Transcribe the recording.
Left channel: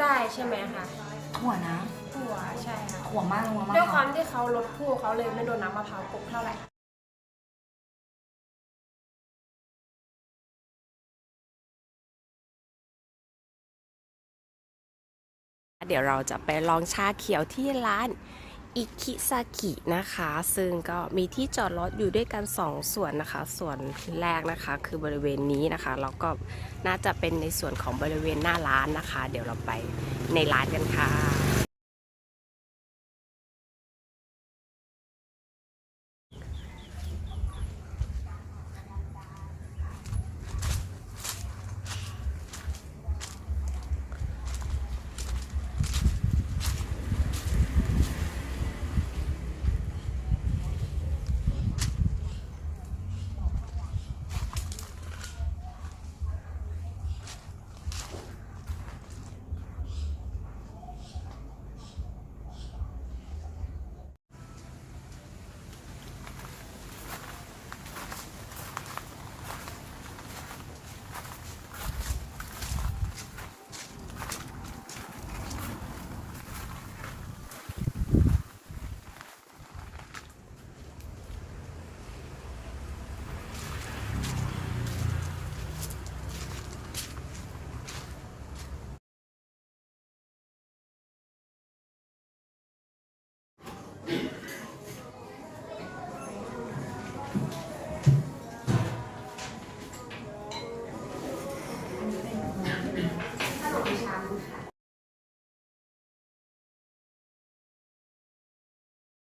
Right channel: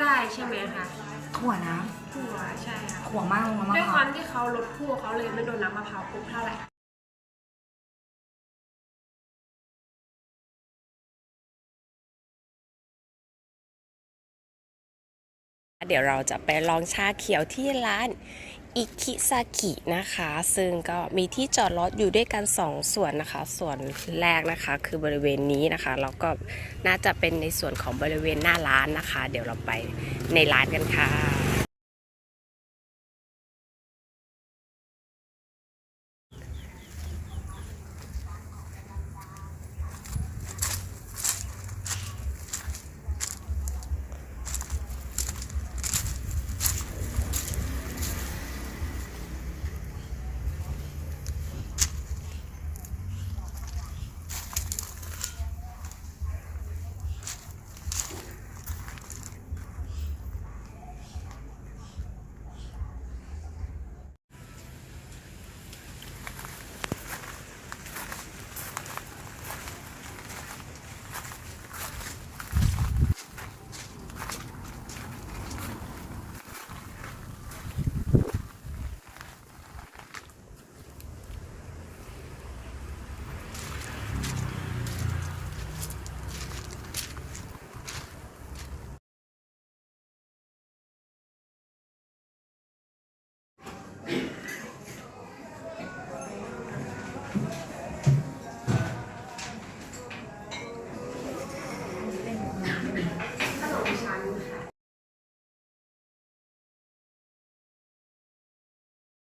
ได้ใช่ไหมคะถั่วนะถั่วใช่ค่ะถั่วมากลงแล้วมะด้วยพควาร้ามวที่เขาลดผู้เขาเลยไม่โดนน้ำมะพร้าวกบเท่าไหร่เดี๋ยวเราจะไปลองชาเขียวที่ร้าน อิคิซากินะคะ ซึ่งก็มีที่จอดรถอยู่ด้วยกัน 2 ส่วนนะคะ ส่วนแรกนะคะคือบริเวณนี้นะคะ แล้วก็น่าจะเป็นในส่วนของบริเวณหน้าร้านนะคะ เดี๋ยวเราไปในร้านกันค่ะ